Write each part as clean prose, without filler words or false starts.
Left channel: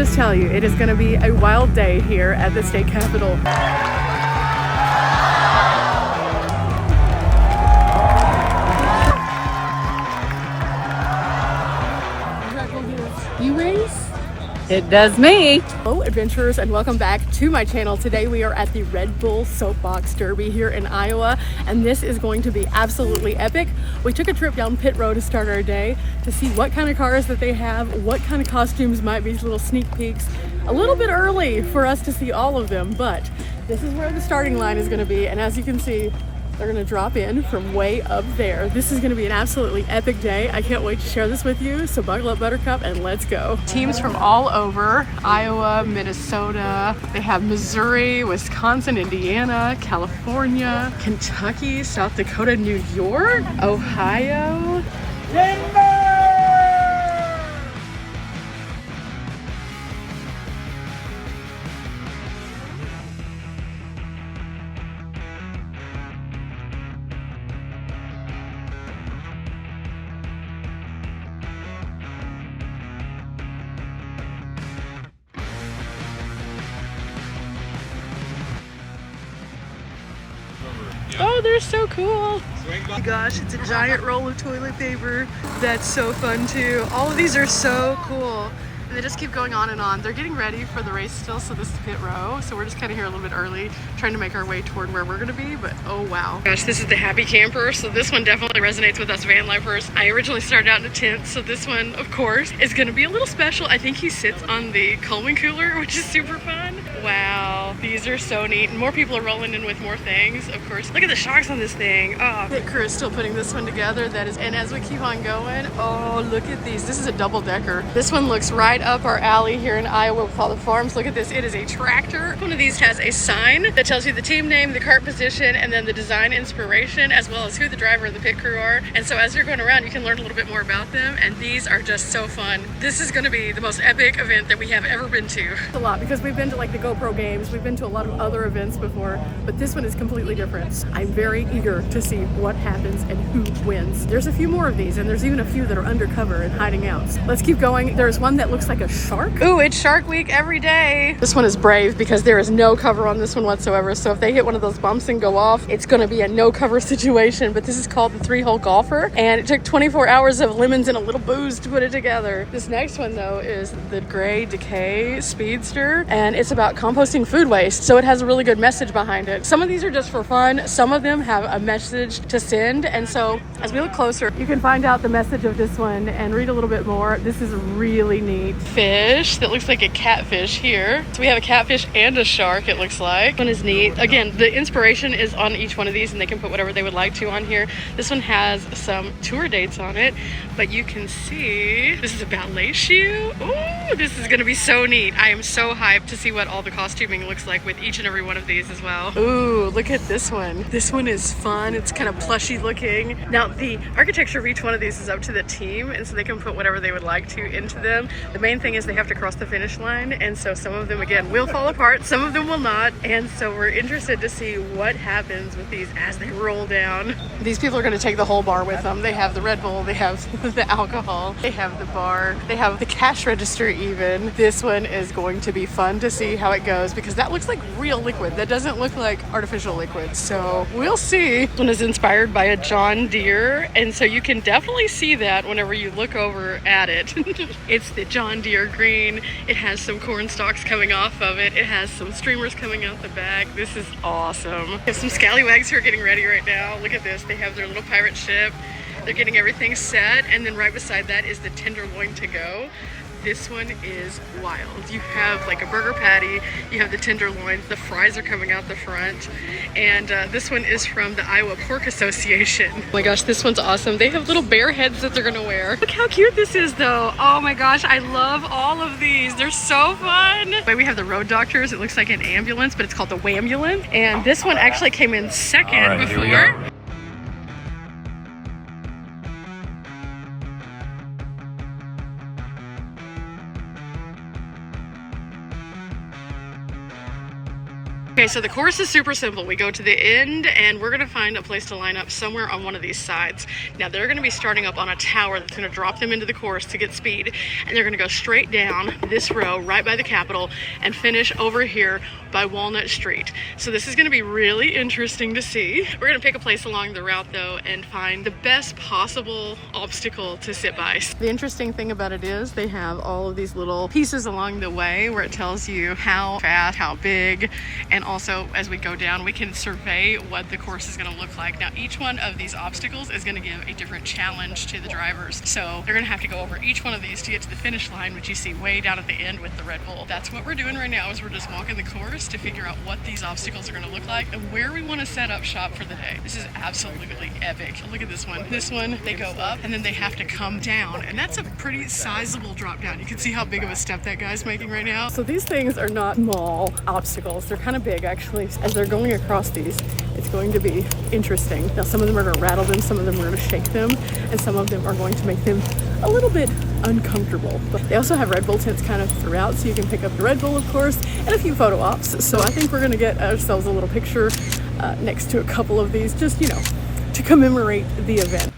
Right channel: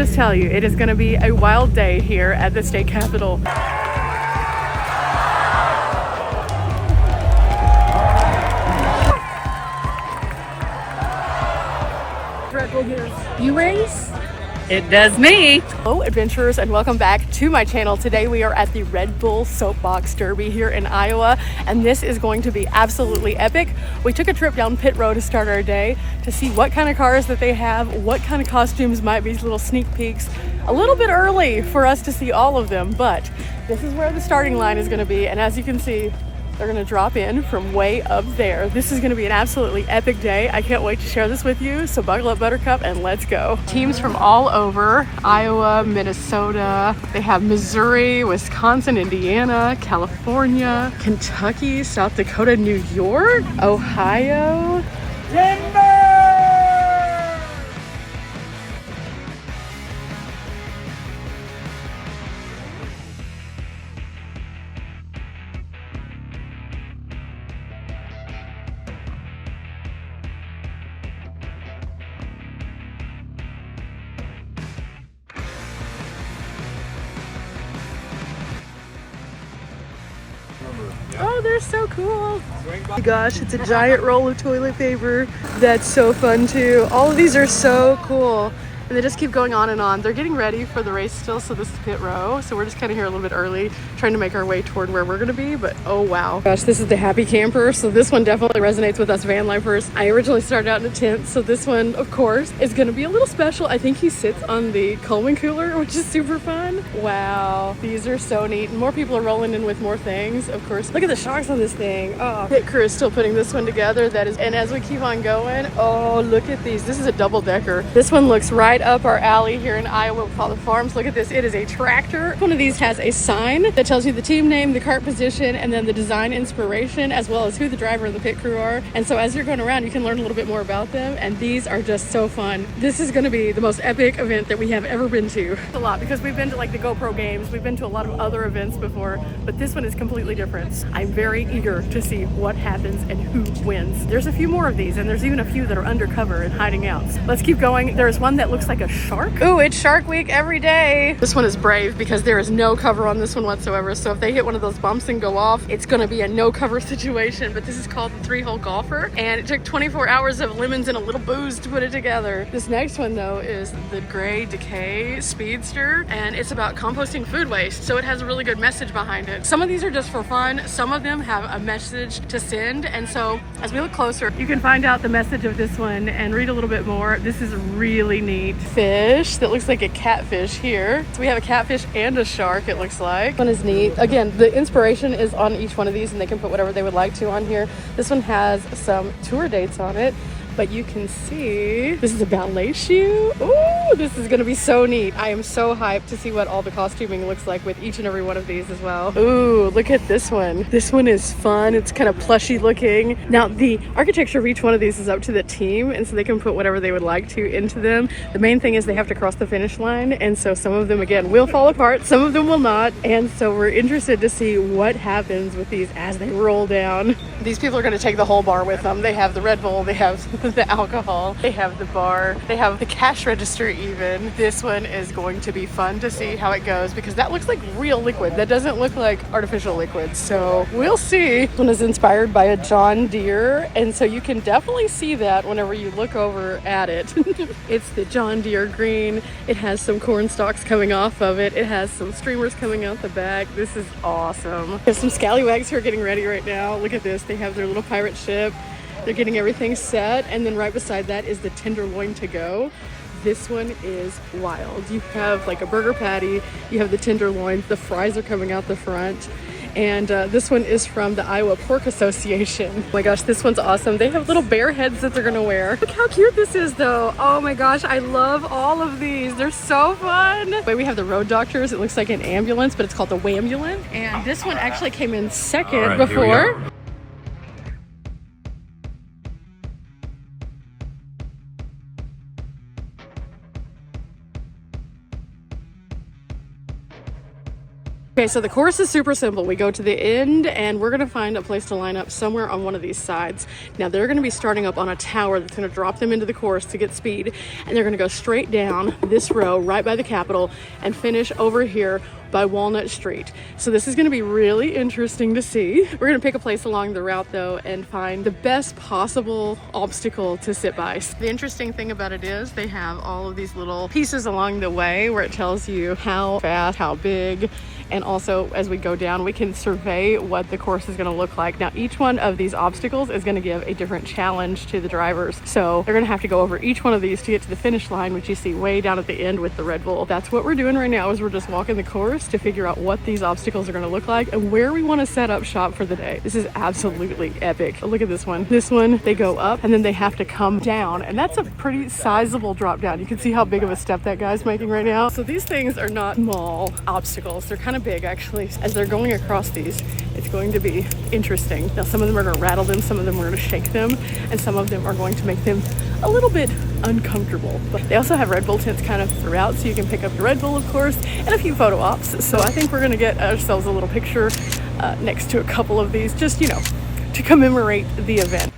Just tell you, it is going to be a wild day here at the state capitol. You race? It does me. Hello adventurers, and welcome back to my channel. Today we are at the Red Bull Soapbox Derby here in Iowa, and this is going to be absolutely epic. We took a trip down pit road to start our day to see what kind of cars that they have, what kind of costumes might be, little sneak peeks. A little bit early for us to see all of them, but this is where the starting line is going to be, and as you can see, they're gonna drop in from way up there. This is gonna be an absolutely epic day. I can't wait to share this with you, so buckle up, Buttercup, and let's go. Teams from all over, Iowa, Minnesota, they have Missouri, Wisconsin, Indiana, California, Kentucky, South Dakota, New York, Ohio. Oh, they're so cool. Oh my gosh, it's a giant roll of toilet paper. That's so fun too. All of these are so cool. And they just keep going on and on. They're getting ready for the race still, so this is pit row. So we're just kind of here a little bit early, trying to make our way toward where we're gonna be, but oh wow. Gosh, this is the Happy Camper, so this one definitely resonates with us van lifers. I originally started out in a tent, so this one, of course, is gonna be a little special. I think he sits on the Coleman cooler, which is super fun. Wow, these are so neat. And more people are rolling in with more things, of course. Look at the shocks on this thing. Oh, pit crew is still putting this one together. That is, and as we keep on going, oh, look at these. This is a double decker. This one looks right up our alley here in Iowa with all the farms. Look at this, it is a tractor. One of these has a sign that tells you the team name, the cart position, and then the design inspiration, as well as who the driver and the pit crew are. And so as you're going around, you can learn a little bit more about them, and these are just so fun. This is going to be the most epic event that we have ever been to. A lot, because we've been to like the GoPro games, we've been to a lot of other events before, but this one is completely different. I'm very eager to see what happens and who wins. There's a few more of these, and there's even a few that are undercover and hiding out. Let's keep going. There's one that looks like a shark. Ooh, it's Shark Week every day. This one is brave because there is no cover on this one whatsoever. So if they hit one of those bumps and go off, it's going to be a no cover situation. But this is called the 3-hole golfer, and it took 24 hours of lemons and a little booze to put it together. This next one though is the Gray Decay Speedster, and it's about composting food waste. So it has a really good message behind it. Some of these are just for fun. Some of them have a message to send. And so as we look closer, you can find out the message of this one and read a little bit more. This is really neat. Fish that looks like a catfish here. So we have a catfish and a shark, it looks like. This one is neat. Again, the inspiration is on each one of these, and they can put whatever they would like to on here. This one has some tour dates on it, but you can see this is a ballet shoe. Ooh, this is gonna be so neat. I am so hyped to see what all the costuming looks like with each and every one of these as well. Ooh, look at this one. This one is fun. It's kind of plushy looking. Now, the architecture of each one of these is up to the team, and so they can put whatever they would like to into them. The main thing is they have to cross the finish line, and so some of them, again, will fall apart, some of them will not, and so we're interested to see what happens with these as they roll down. These people are going to take the whole bar with them. They have the Red Bull, they have the alcohol, they have the bar, they have the cash register even. This one is going to be fun to see how it goes, because that looks like real liquid. That doesn't look like artificial liquid, so we'll see. This one is inspired by a John Deere, and so you can definitely see that whenever you look over at it. It's the John Deere green. It has some corn stalks coming off of it. It has some streamers coming out the back. This is awesome. There's some scallywags who are getting ready right now. Look at this. They have their little pirate ship. They're getting everything set, and then right beside that is the tenderloin to go. This one is wild. You have like a burger patty, you have the tenderloin, the fries are coming out the front, and this one is from the Iowa Pork Association. Oh my gosh, this one's awesome. They have little bear heads that they're gonna wear. Look how cute this is though. Oh my gosh, I love all of these. They're so fun. Wait, we have the Road Doctors. It looks like an ambulance, but it's called the Wambulance, and this one actually came in second before. Okay, so the course is super simple. We go to the end and we're gonna find a place to line up somewhere on one of these sides. Now they're gonna be starting up on a tower that's gonna drop them into the course to get speed, and they're gonna go straight down this row right by the Capitol and finish over here by Walnut Street. So this is gonna be really interesting to see. We're gonna pick a place along the route though and find the best possible obstacle to sit by. The interesting thing about it is they have all of these little pieces along the way where it tells you how fast, how big, and also as we go down we can survey what the course is gonna look like. Now each one of these obstacles is gonna give a different challenge to the drivers. So they're gonna have to go over each one of these to get to the finish line, which you see way down at the end with the Red Bull. That's what we're doing right now, is we're just walking the course to figure out what these obstacles are going to look like and where we want to set up shop for the day. This is absolutely epic. Look at this one. This one, they go up and then they have to come down, and that's a pretty sizable drop down. You can see how big of a step that guy's making right now. So these things are not small obstacles. They're kind of big actually. As they're going across these, it's going to be interesting. Now some of them are going to rattle them, some of them are going to shake them, and some of them are going to make them a little bit uncomfortable. But they also have Red Bull tents kind of throughout, so you can pick up your Red Bull, of course, and a few photo ops. So I think we're gonna get ourselves a little picture next to a couple of these, just, you know, to commemorate the event.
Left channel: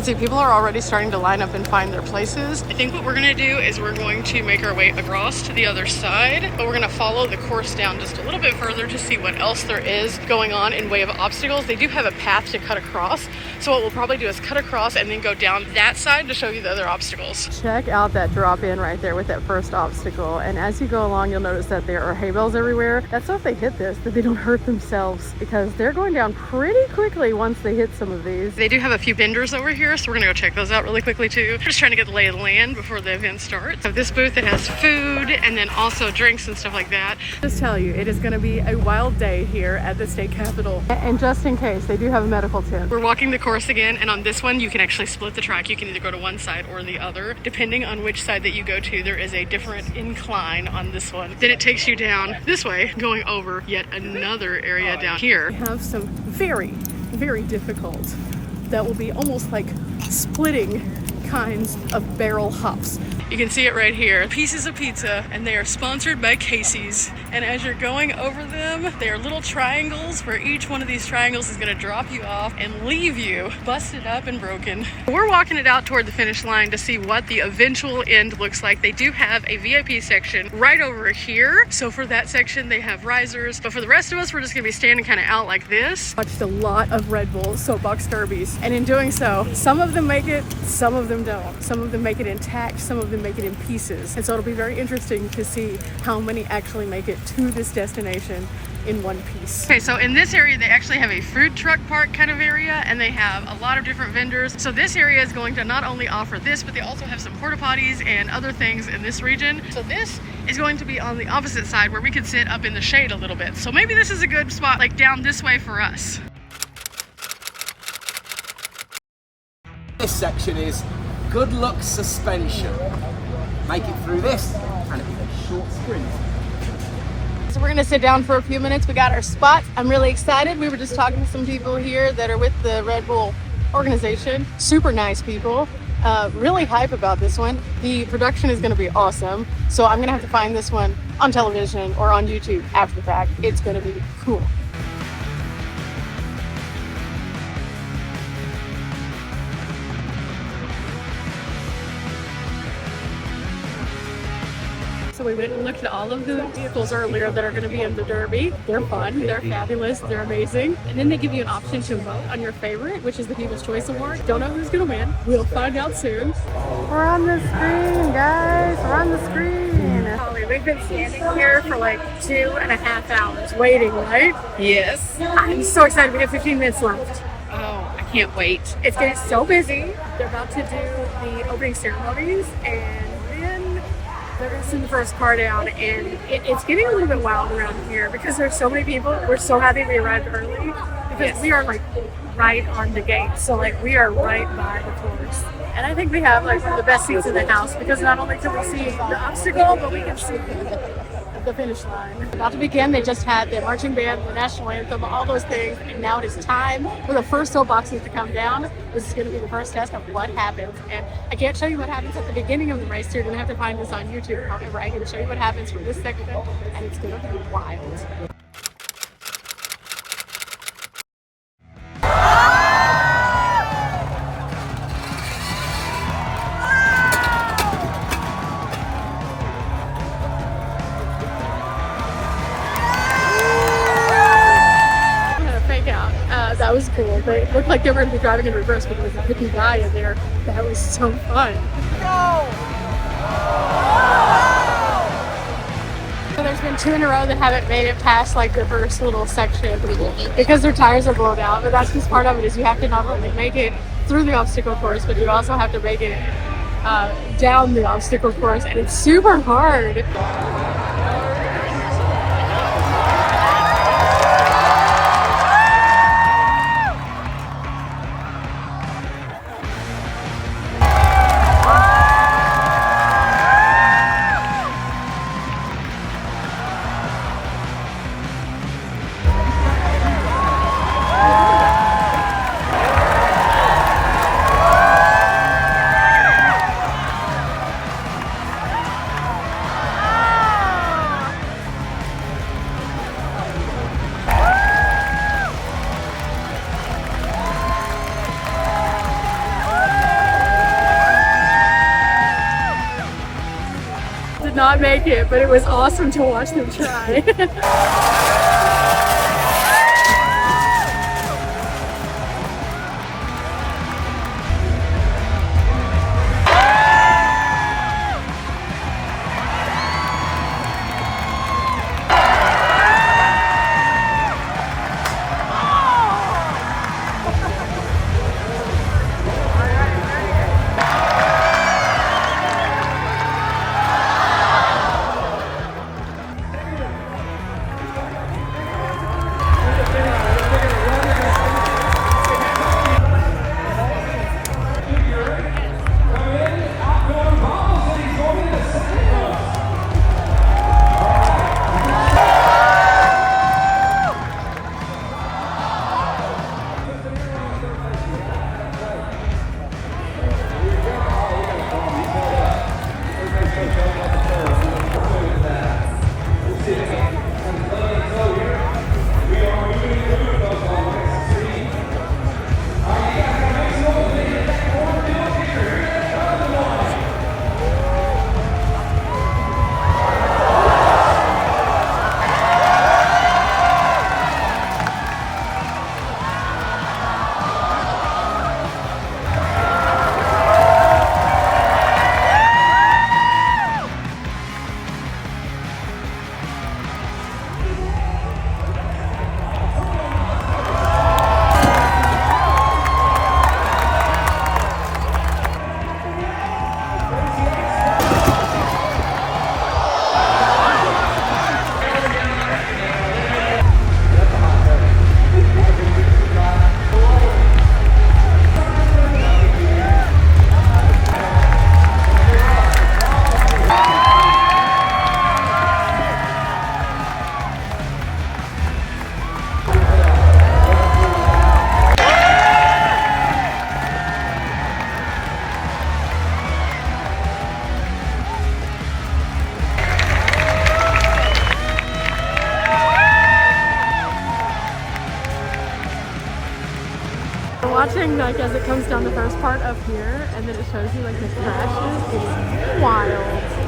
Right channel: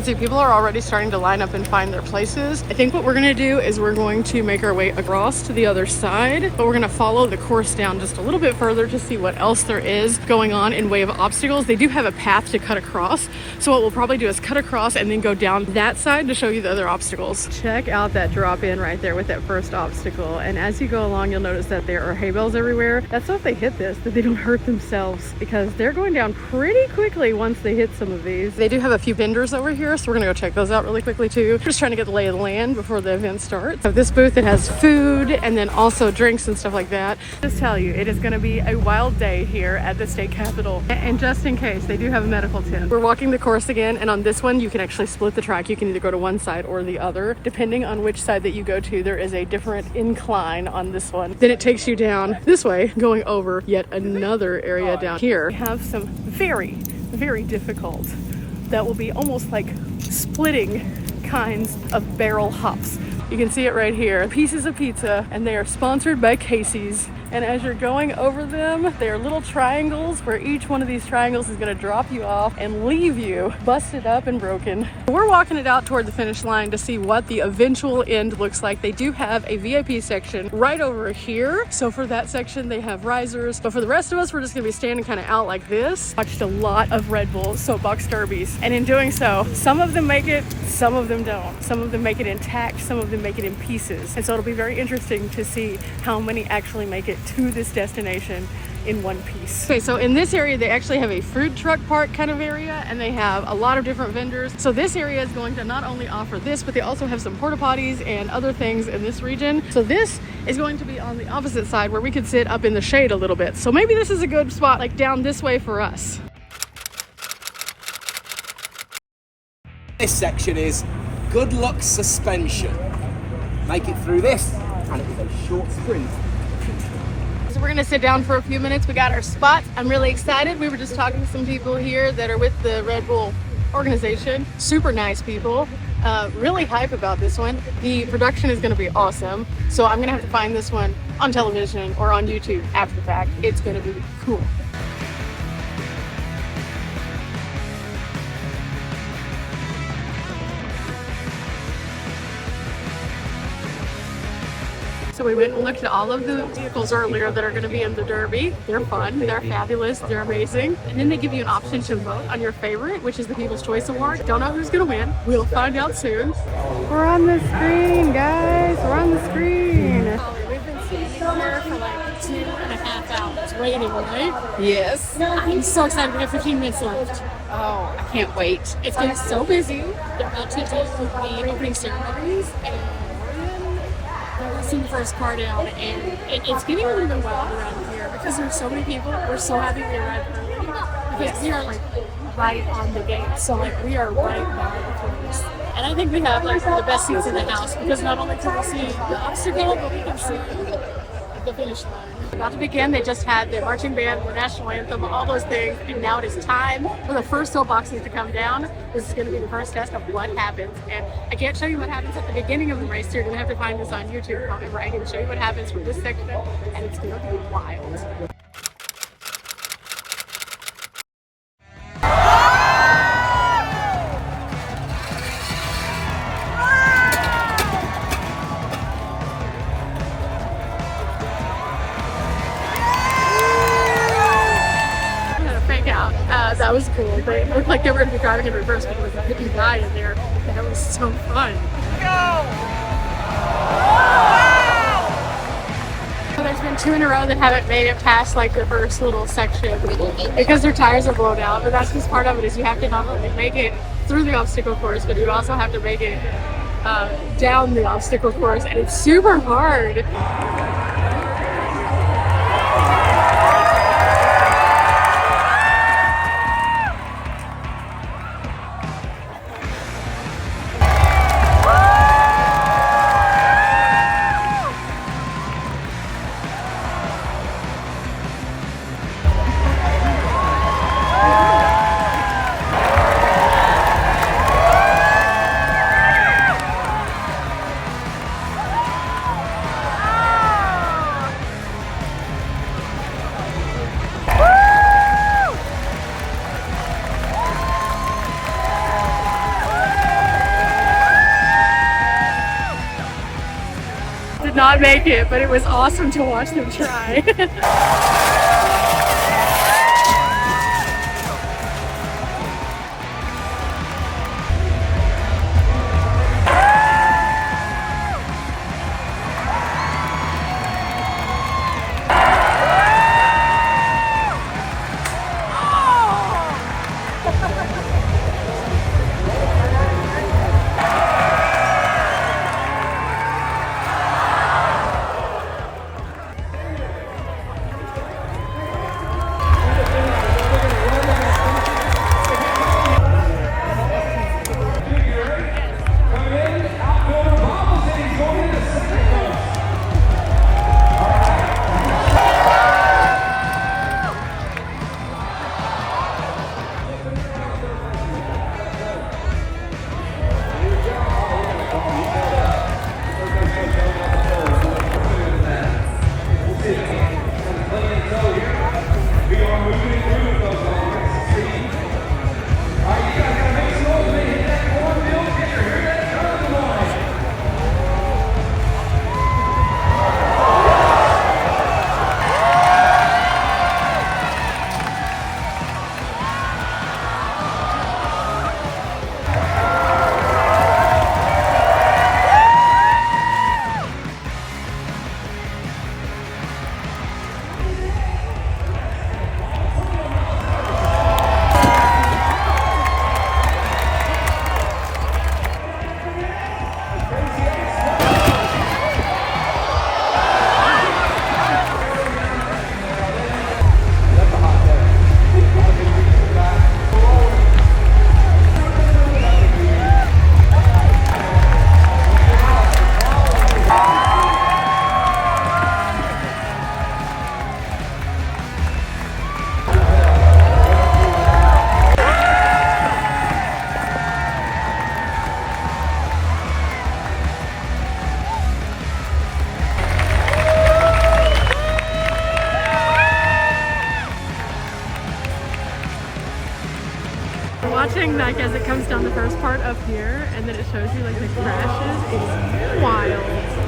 See, people are already starting to line up and find their places. I think what we're gonna do is we're going to make our way across to the other side, but we're gonna follow the course down just a little bit further to see what else there is going on in way of obstacles. They do have a path to cut across, so what we'll probably do is cut across and then go down that side to show you the other obstacles. Check out that drop in right there with that first obstacle, and as you go along you'll notice that there are hay bales everywhere. That's so if they hit this that they don't hurt themselves, because they're going down pretty quickly once they hit some of these. They do have a few benders over here, so we're gonna go check those out really quickly too. Just trying to get the lay of the land before the event starts. This booth, it has food and then also drinks and stuff like that. Just tell you, it is gonna be a wild day here at the state capitol. And just in case, they do have a medical tent. We're walking the course again, and on this one you can actually split the track. You can either go to one side or the other. Depending on which side that you go to, there is a different incline on this one. Then it takes you down this way, going over yet another area down here. We have some very difficult, that will be almost like splitting kinds of barrel hops. You can see it right here. Pieces of pizza, and they are sponsored by Casey's. And as you're going over them, they are little triangles where each one of these triangles is gonna drop you off and leave you busted up and broken. We're walking it out toward the finish line to see what the eventual end looks like. They do have a VIP section right over here. So for that section, they have risers. But for the rest of us, we're just gonna be standing kind of out like this. Watched a lot of Red Bull Soapbox derbies. And in doing so, some of them make it, some of them don't. Some of them make it intact, some of them make it in pieces. And so it'll be very interesting to see how many actually make it to this destination in one piece. Okay, so in this area they actually have a food truck park kind of area, and they have a lot of different vendors. So this area is going to not only offer this, but they also have some porta potties and other things in this region. So this is going to be on the opposite side where we could sit up in the shade a little bit. So maybe this is a good spot, like down this way for us. This section is good luck suspension. Make it through this, and it is a short sprint. So we're gonna sit down for a few minutes. We got our spots. I'm really excited. We were just talking to some people here that are with the Red Bull organization. Super nice people. Really hype about this one. The production is gonna be awesome. So I'm gonna have to find this one on television or on YouTube after the fact. It's gonna be cool. So we went and looked at all of the vehicles earlier that are going to be in the Derby. They're fun, they're fabulous, they're amazing. And then they give you an option to vote on your favorite, which is the People's Choice Award. Don't know who's going to win. We'll find out soon. We're on the screen, guys. We're on the screen. Holly, we've been standing here for like 2.5 hours waiting, right? Yes. I'm so excited. We have 15 minutes left. Oh, I can't wait. It's getting so busy. They're about to do the opening ceremonies, and then they're going to send the first car down, and it's getting a little bit wild around here because there's so many people. We're so happy we arrived early because we are like right on the gate. So like we are right by the course. And I think we have like one of the best seats in the house because not only can we see the obstacle, but we can see the finish line. About to begin, they just had the marching band, the national anthem, all those things, and now it is time for the first soapboxes to come down. This is going to be the first test of what happens. And I can't show you what happens at the beginning of the race. So you're going to have to find this on YouTube. However, I can show you what happens from this section, and it's going to be wild. That was cool. They looked like they were going to be driving in reverse, but there was a hippie guy in there. That was so fun. Go! So there's been 2 in a row that haven't made it past like the first little section because their tires are blown out. But that's just part of it, is you have to not only make it through the obstacle course, but you also have to make it down the obstacle course, and it's super hard. Did not make it, but it was awesome to watch them try. Watching like as it comes down the first part up here, and then it shows you like the crashes. It's wild.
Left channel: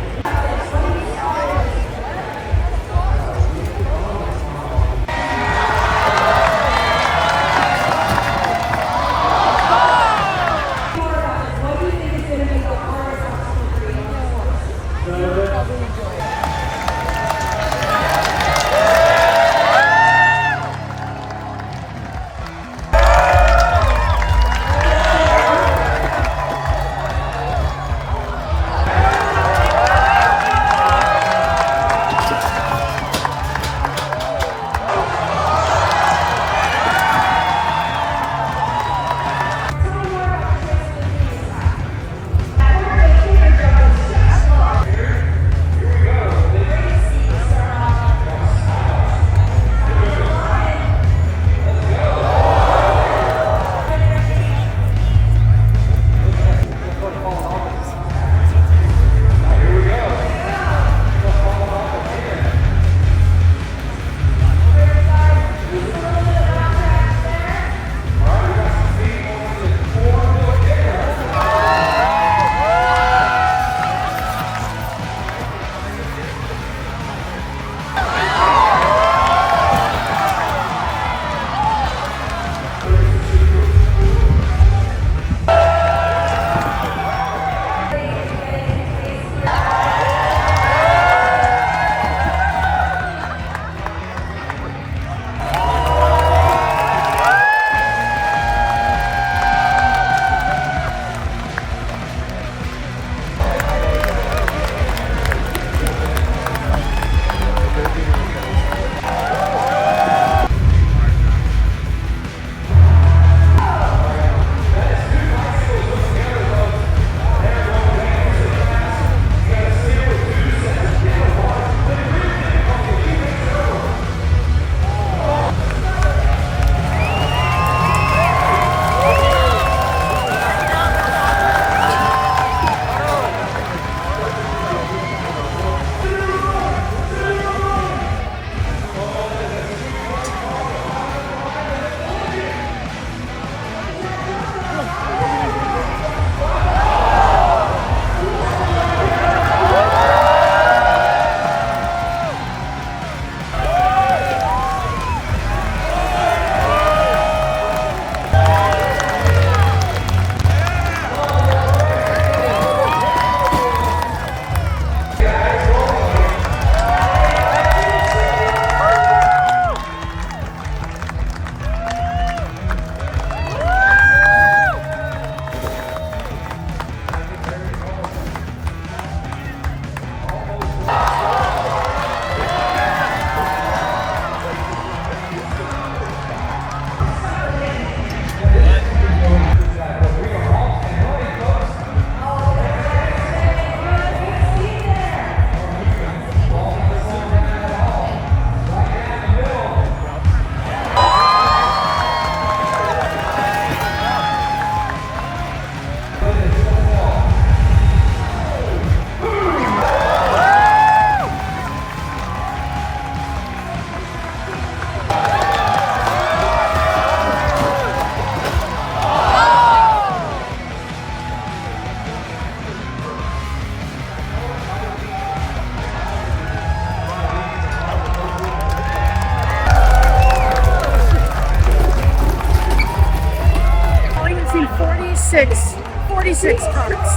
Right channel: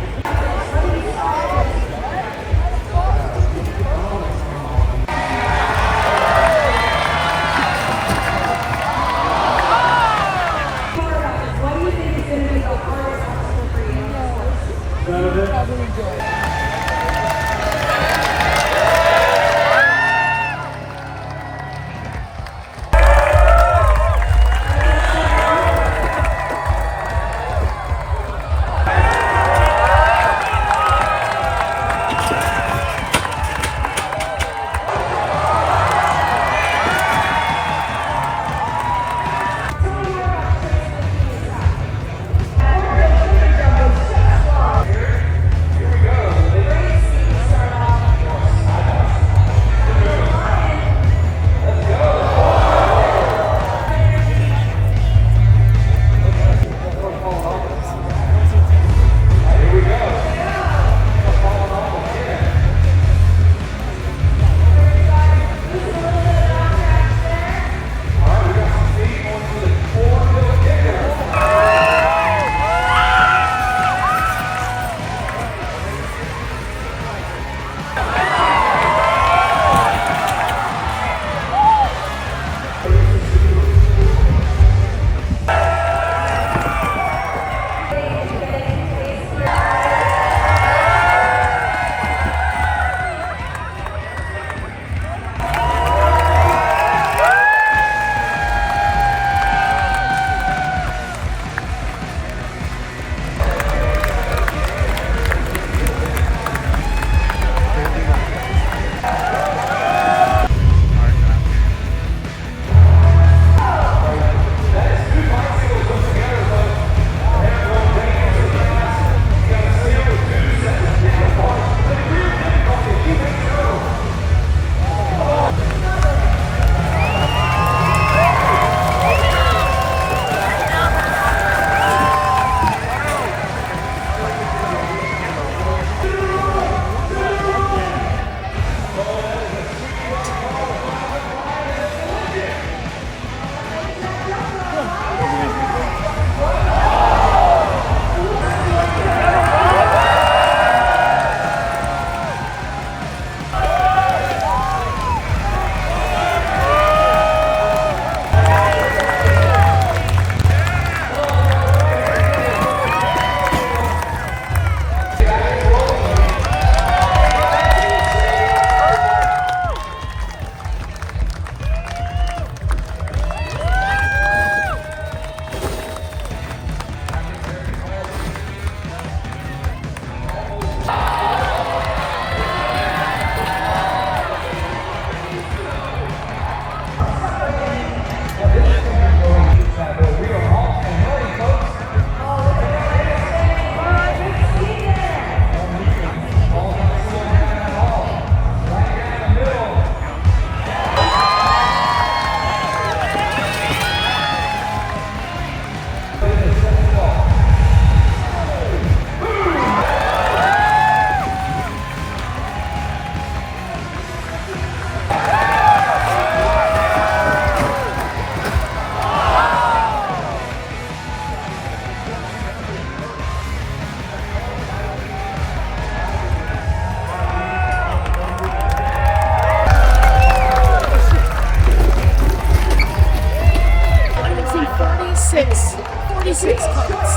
46 carts.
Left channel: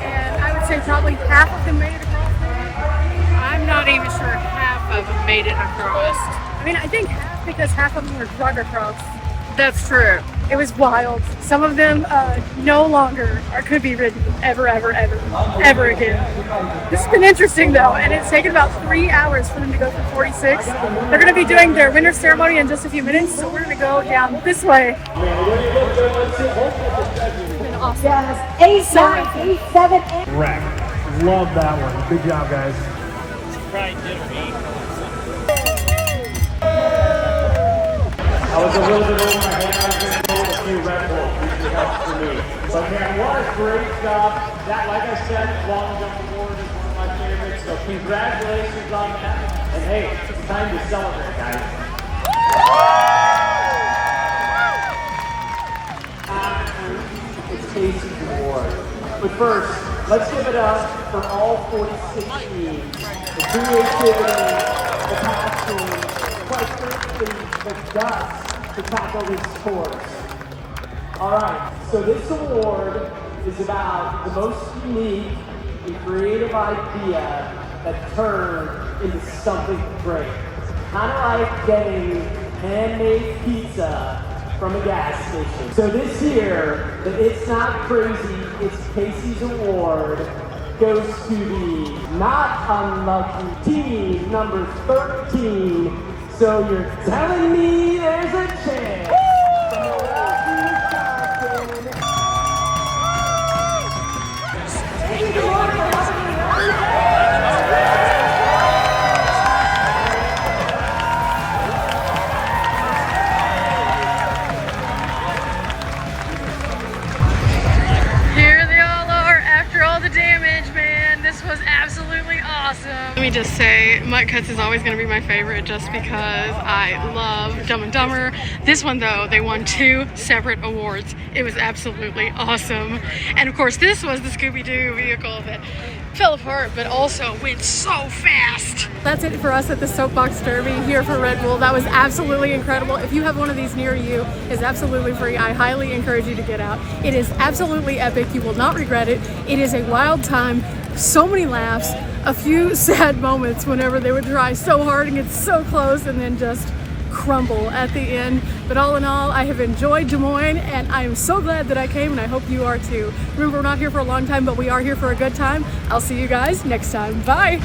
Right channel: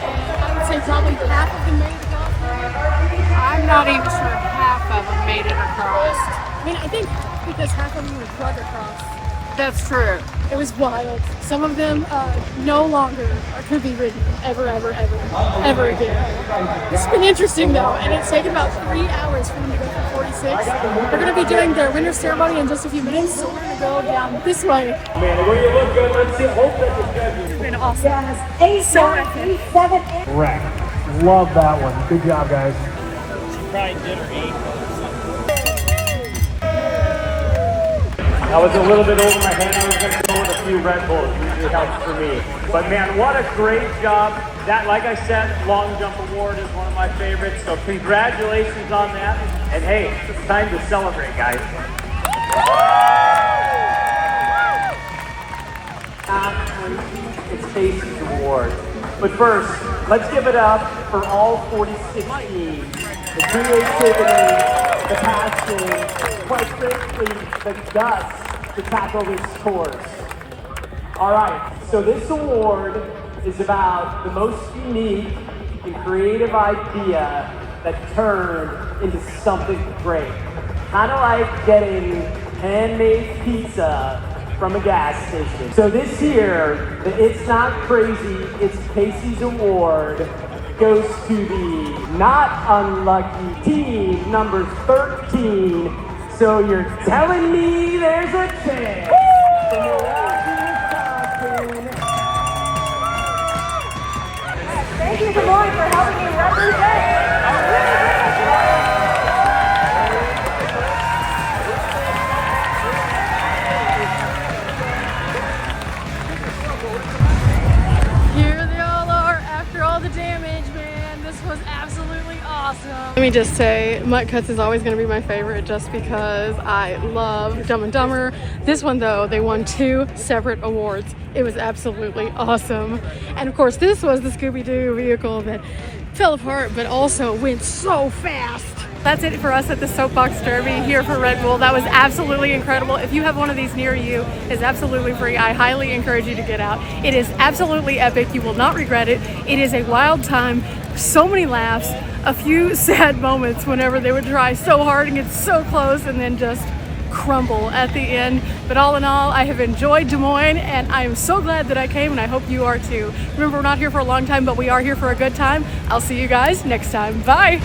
And I would say probably half of them made it across maybe. I'm not even sure half of them made it across. I mean, I think half because half of them were drug across. That's true. It was wild. Some of them no longer or could be ridden ever again. This has been interesting though, and it's taken about 3 hours for them to go through 46. They're going to be doing their winter ceremony in just a few minutes, so we're going to go down this way. This has been awesome. So epic. Correct. Love that one. Good job, guys. I was a little bit over my head. I was going to go with a few Red Bulls. Usually helps for me. But man, what a great job. That, like I said, long jump award is one of my favorites. So congratulations on that. And hey, it's time to celebrate, guys. It's Casey's award. But first, let's give it up for all 46 teams. The creativity, the passion, quite frankly, the guts to tackle these sports. All right, so this award is about the most unique and creative idea that turned into something great. Kind of like getting handmade pizza from a gas station. So this year, the It's Not Crazy, It's Casey's award goes to the not unlucky team number 13. So you're telling me there's a chance. Thank you, Des Moines, for helping me represent. Here they all are after all the damage, man. This was absolutely awesome. Let me just say, Mutt Cuts is always going to be my favorite just because I love Dumb and Dumber. This one though, they won 2 separate awards. It was absolutely awesome. And of course, this was the Scooby-Doo vehicle that fell apart but also went so fast. That's it for us at the Soapbox Derby here for Red Bull. That was absolutely incredible. If you have one of these near you, it's absolutely free. I highly encourage you to get out. It is absolutely epic. You will not regret it. It is a wild time. So many laughs, a few sad moments whenever they would try so hard and get so close and then just crumble at the end. But all in all, I have enjoyed Des Moines and I am so glad that I came, and I hope you are too. Remember, we're not here for a long time, but we are here for a good time. I'll see you guys next time. Bye.